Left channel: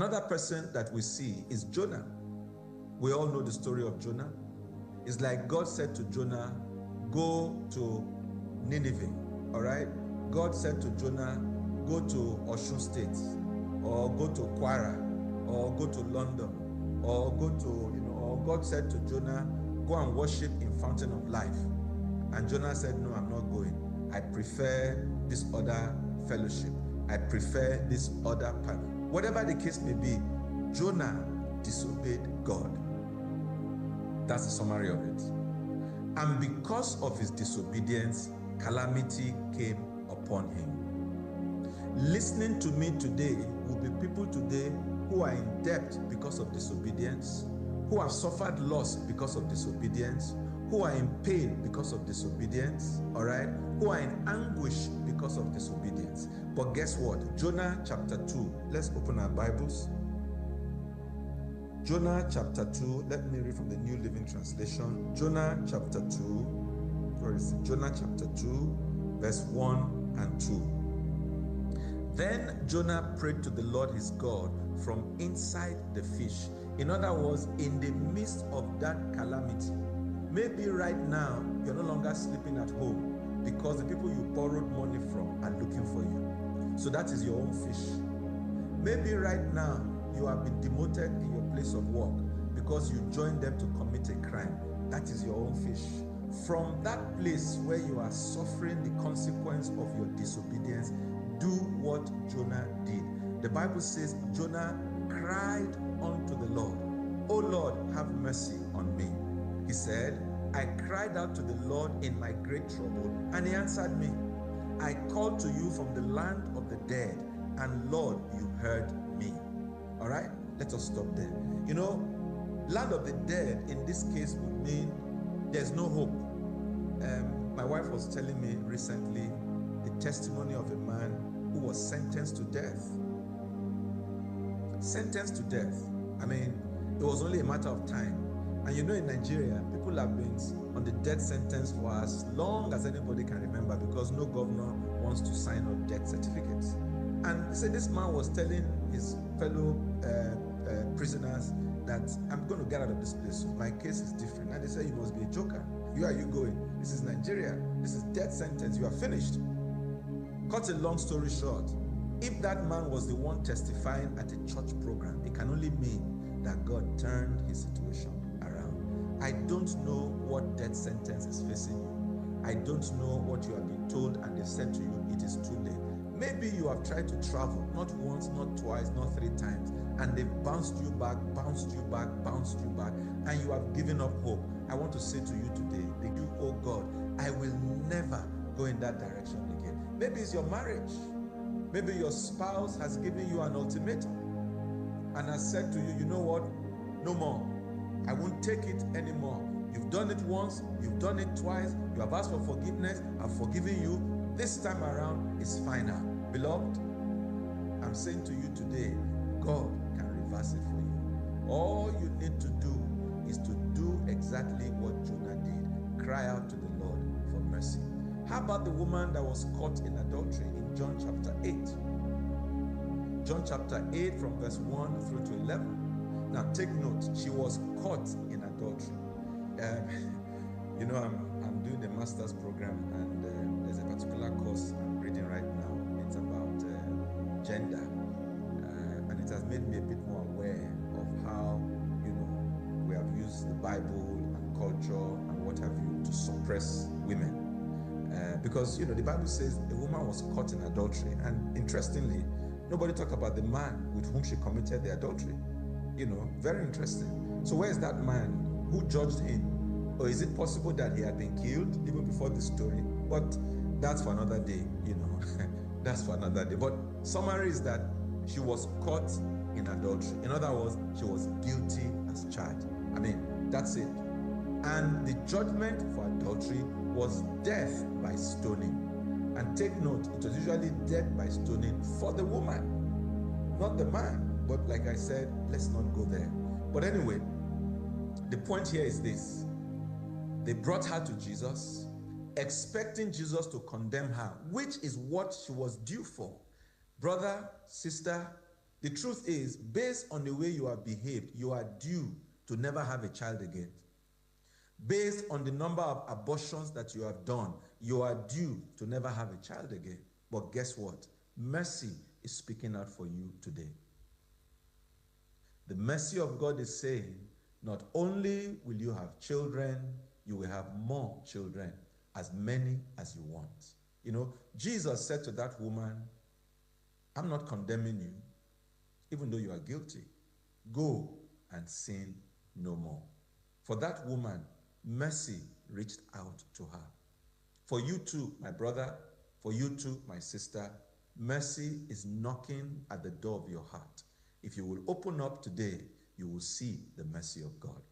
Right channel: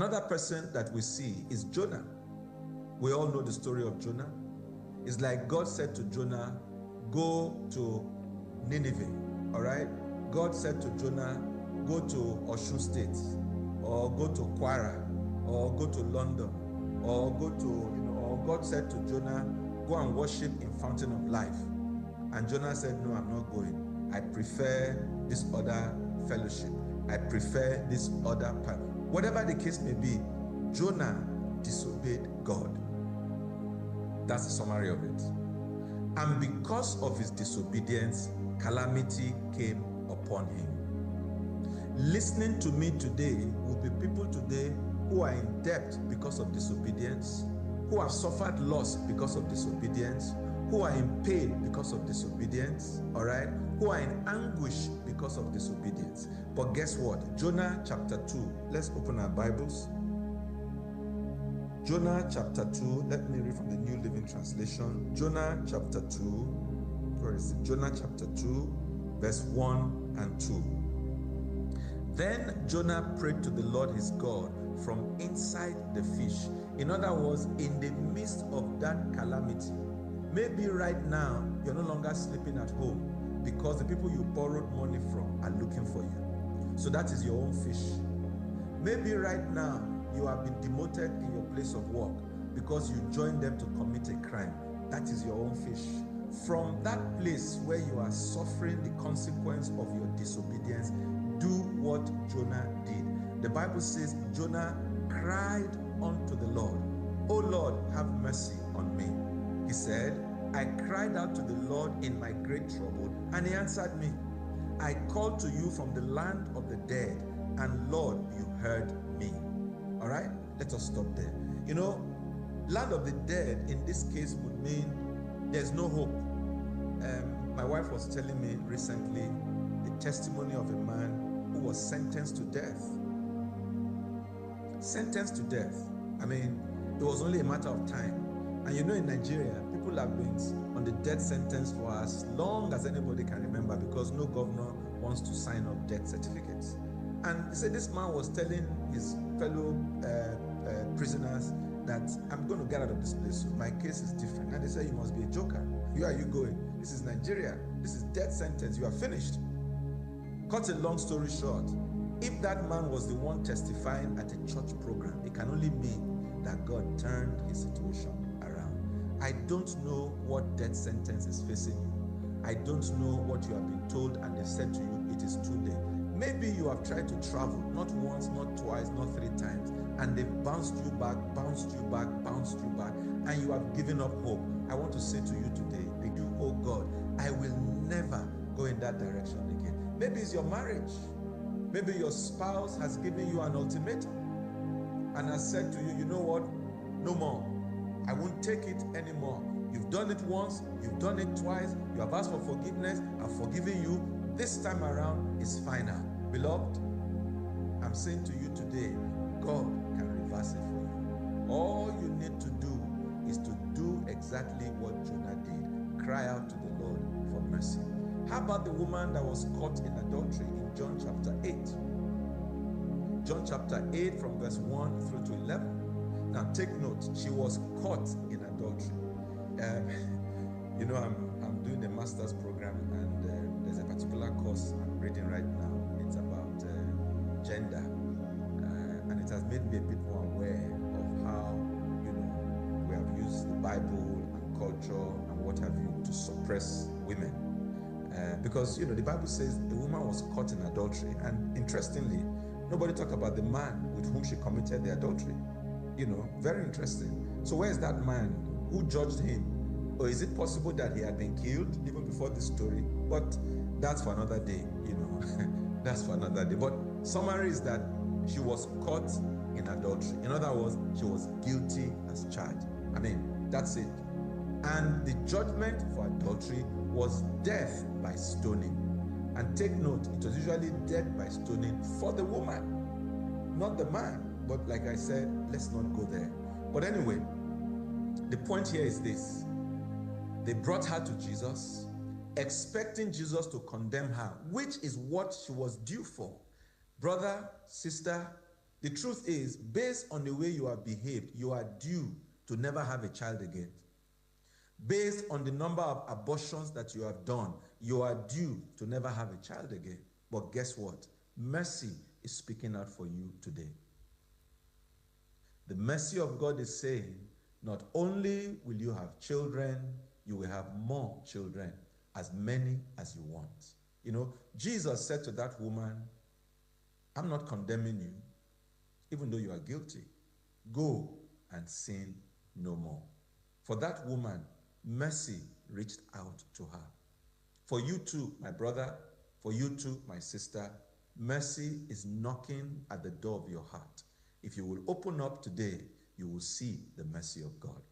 Another person that we see is Jonah. We all know the story of Jonah. It's like God said to Jonah, go to Nineveh, all right? God said to Jonah, go to Osun State, or go to Kwara, or go to London, or go to, or God said to Jonah, go and worship in Fountain of Life. And Jonah said, no, I'm not going. I prefer this other fellowship. I prefer this other path. Whatever the case may be, Jonah disobeyed God. That's the summary of it. And because of his disobedience, calamity came upon him. Listening to me today will be people today who are in debt because of disobedience, who have suffered loss because of disobedience, who are in pain because of disobedience, all right? Who are in anguish because of disobedience. But guess what? Jonah chapter 2. Let's open our Bibles. Jonah chapter 2. Let me read from the New Living Translation. Jonah chapter 2. Where is it? Jonah chapter 2, verse 1 and 2. Then Jonah prayed to the Lord his God from inside the fish. In other words, in the midst of that calamity. Maybe right now, you're no longer sleeping at home because the people you borrowed money from are looking for you. So that is your own fish. Maybe right now, you have been demoted in your place of work because you joined them to commit a crime. That is your own fish. From that place where you are suffering the consequence of your disobedience, do what Jonah did. The Bible says Jonah cried unto the Lord, "O Lord, have mercy on me." He said, I cried out to the Lord in my great trouble, and he answered me. I called to you from the land of the dead, and Lord, you heard me. All right, let us stop there. Land of the dead in this case would mean there's no hope. My wife was telling me recently the testimony of a man who was sentenced to death. Sentenced to death. I mean, it was only a matter of time. And in Nigeria, people have been on the death sentence for as long as anybody can remember because no governor wants to sign up death certificates. And he said this man was telling his fellow prisoners that I'm going to get out of this place. So my case is different. And they said, you must be a joker. Where are you going? This is Nigeria. This is death sentence. You are finished. Cut a long story short, if that man was the one testifying at a church program, it can only mean that God turned his situation around. I don't know what death sentence is facing you. I don't know what you have been told and they've said to you, it is too late. Maybe you have tried to travel, not once, not twice, not 3 times, and they've bounced you back, and you have given up hope. I want to say to you today, oh God, I will never go in that direction again. Maybe it's your marriage. Maybe your spouse has given you an ultimatum and has said to you, you know what? No more. I won't take it anymore. You've done it once, you've done it twice, you have asked for forgiveness, I've forgiven you. This time around is final. Beloved, I'm saying to you today, God can reverse it for you. All you need to do is to do exactly what Jonah did. Cry out to the Lord for mercy. How about the woman that was caught in adultery in John chapter 8? John chapter 8 from verse 1 through to 11. Now take note, she was caught in adultery. I'm doing the master's program and there's a particular course I'm reading right now. It's about gender and it has made me a bit more aware of how, we have used the Bible and culture and what have you to suppress women. Because, the Bible says a woman was caught in adultery. And interestingly, nobody talked about the man with whom she committed the adultery. Very interesting. So where is that man? Who judged him? Or is it possible that he had been killed even before this story? But that's for another day, That's for another day. But summary is that she was caught in adultery. In other words, she was guilty as charged. That's it. And the judgment for adultery was death by stoning. And take note, it was usually death by stoning for the woman, not the man. But like I said, let's not go there. But anyway, the point here is this. They brought her to Jesus, expecting Jesus to condemn her, which is what she was due for. Brother, sister, The truth is, based on the way you have behaved, you are due to never have a child again. Based on the number of abortions that you have done, you are due to never have a child again. But guess what? Mercy is speaking out for you today. The mercy of God is saying, not only will you have children, you will have more children, as many as you want. You know, Jesus said to that woman, I'm not condemning you, even though you are guilty. Go and sin no more. For that woman, mercy reached out to her. For you too, my brother, for you too, my sister, mercy is knocking at the door of your heart. If you will open up today, you will see the mercy of God.